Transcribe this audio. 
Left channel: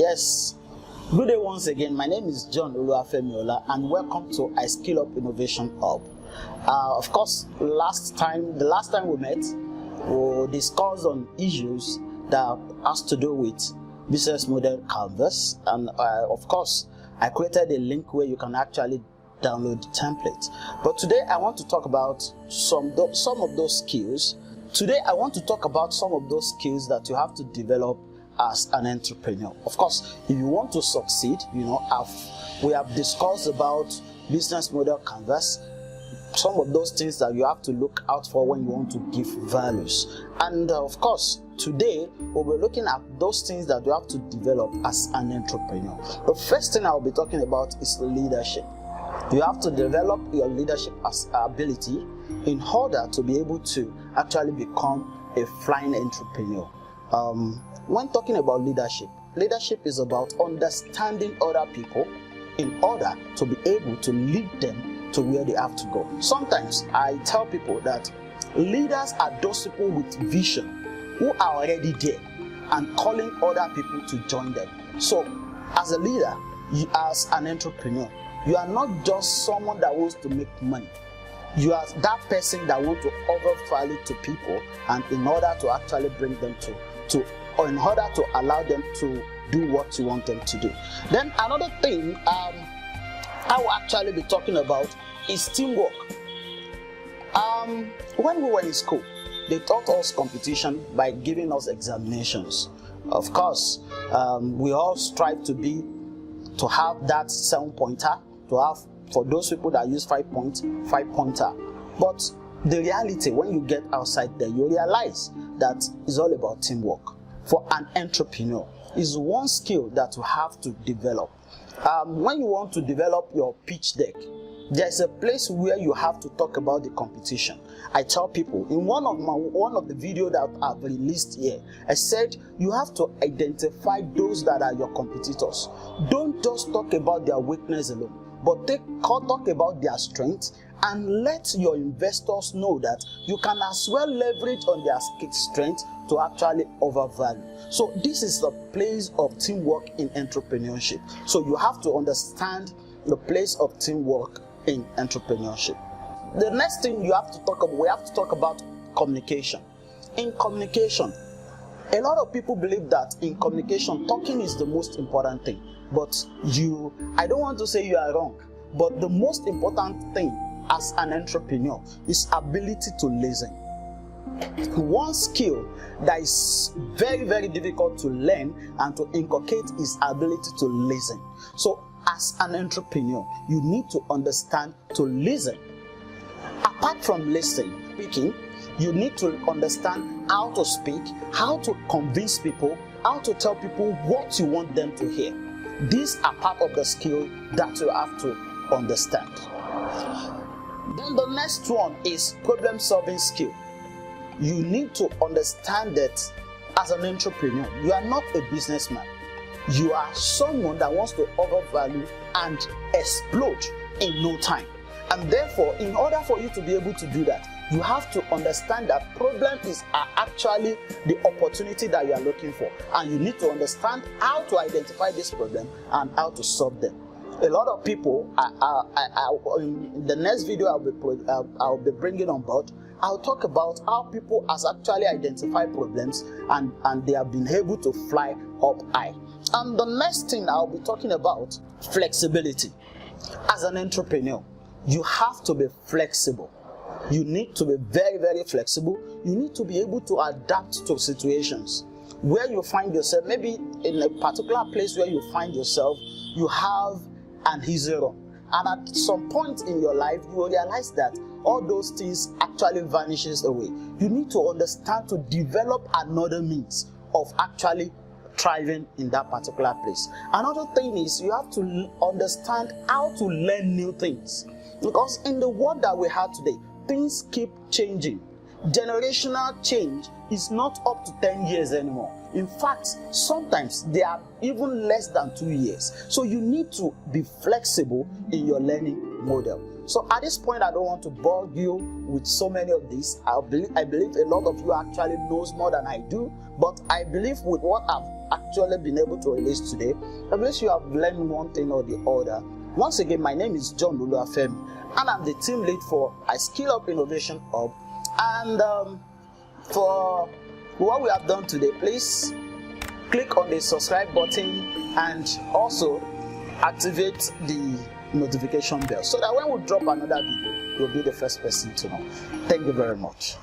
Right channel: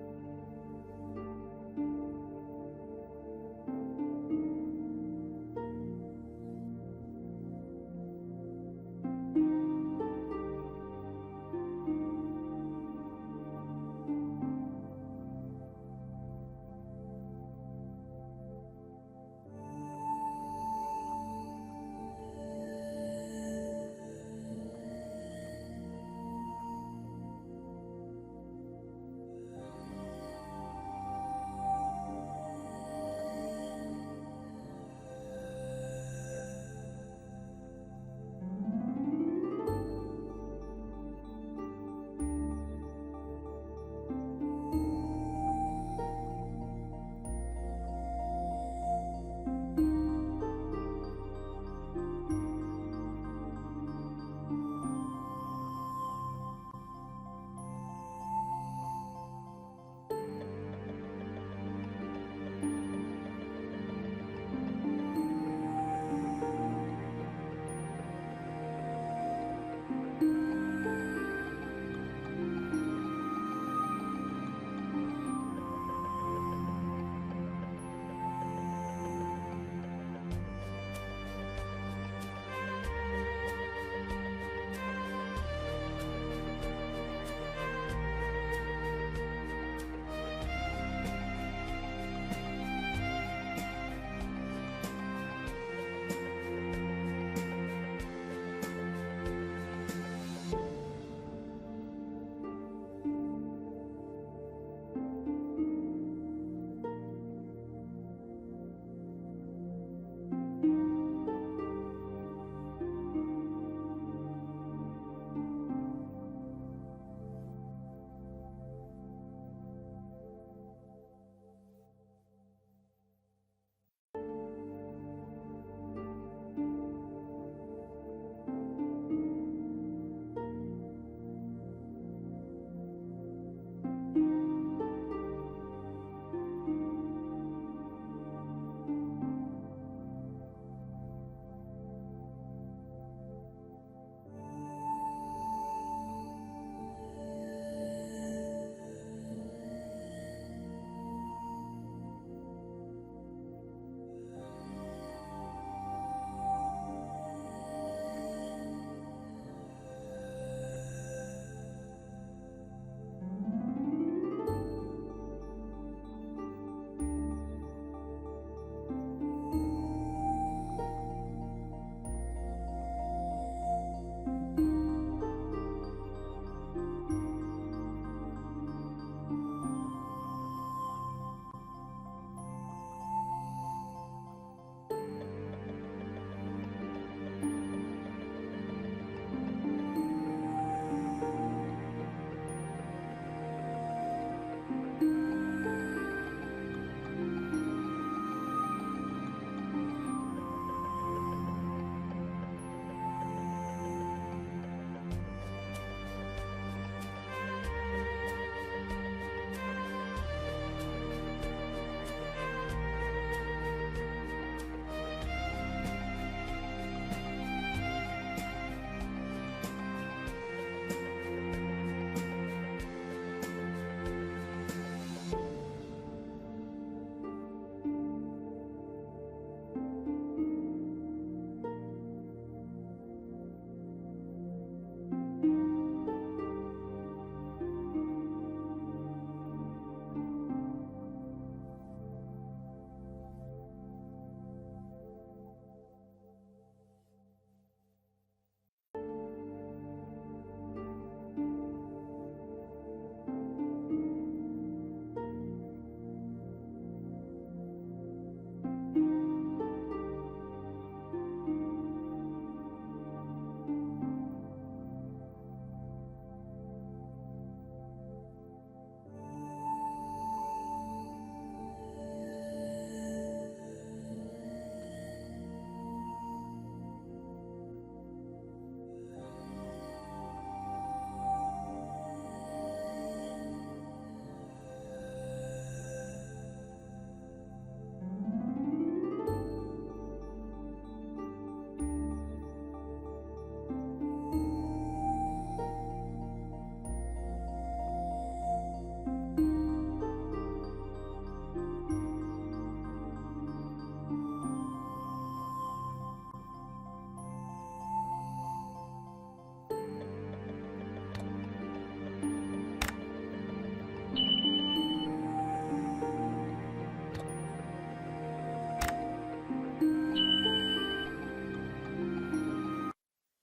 Yes, good day once again. My name is John Oluwafemi OLLA, and welcome to iSkillup Innovation Hub. Of course, the last time we met, we discussed on issues that has to do with business model canvas, and of course, I created a link where you can actually download the template. But today I want to talk about some of those skills. Today I want to talk about some of those skills that you have to develop as an entrepreneur. Of course, if you want to succeed, we have discussed about business model canvas, some of those things that you have to look out for when you want to give values. And of course, today we'll be looking at those things that you have to develop as an entrepreneur. The first thing I'll be talking about is leadership. You have to develop your leadership ability in order to be able to actually become a flying entrepreneur. When talking about leadership is about understanding other people in order to be able to lead them to where they have to go. Sometimes I tell people that leaders are those people with vision who are already there and calling other people to join them. So as a leader, as an entrepreneur, you are not just someone that wants to make money. You are that person that wants to offer value to people, and in order to actually bring them or in order to allow them to do what you want them to do. Then another thing I will actually be talking about is teamwork. When we were in school, they taught us competition by giving us examinations. Of course, we all strive to have that 7-pointer, to have, for those people that use 5-pointer. But the reality, when you get outside there, you realize that it's all about teamwork. For an entrepreneur, is one skill that you have to develop. When you want to develop your pitch deck, there's a place where you have to talk about the competition. I tell people in one of the videos that I've released here, I said you have to identify those that are your competitors. Don't just talk about their weakness alone, but talk about their strengths, and let your investors know that you can as well leverage on their strength to actually overvalue. So this is the place of teamwork in entrepreneurship. So you have to understand the place of teamwork in entrepreneurship. The next thing we have to talk about communication. In communication, a lot of people believe that in communication, talking is the most important thing. But I don't want to say you are wrong, but the most important thing as an entrepreneur is ability to listen. One skill that is very, very difficult to learn and to inculcate is ability to listen. So as an entrepreneur, you need to understand to listen. Apart from speaking, you need to understand how to speak, how to convince people, how to tell people what you want them to hear. These are part of the skill that you have to understand. Then the next one is problem-solving skill. You need to understand that as an entrepreneur, you are not a businessman. You are someone that wants to overvalue and explode in no time. And therefore, in order for you to be able to do that, you have to understand that problems are actually the opportunity that you are looking for. And you need to understand how to identify this problem and how to solve them. A lot of people, in the next video I'll be bringing on board, I'll talk about how people has actually identified problems and they have been able to fly up high. And the next thing I'll be talking about, flexibility. As an entrepreneur, you have to be flexible. You need to be very, very flexible. You need to be able to adapt to situations where you find yourself. Maybe in a particular place where you find yourself, you have an easy run. And at some point in your life, you will realize that all those things actually vanishes away. You need to understand to develop another means of actually thriving in that particular place. Another thing is you have to understand how to learn new things. Because in the world that we have today, things keep changing. Generational change is not up to 10 years anymore. In fact, sometimes they are even less than 2 years. So you need to be flexible in your learning model. So at this point, I don't want to bug you with so many of these. I believe a lot of you actually knows more than I do, but I believe with what I've actually been able to release today, I believe you have learned one thing or the other. Once again, my name is John Oluwafemi, and I'm the team lead for iSkillup Innovation Hub. And for what we have done today, please click on the subscribe button and also activate the notification bell so that when we drop another video, you'll be the first person to know. Thank you very much.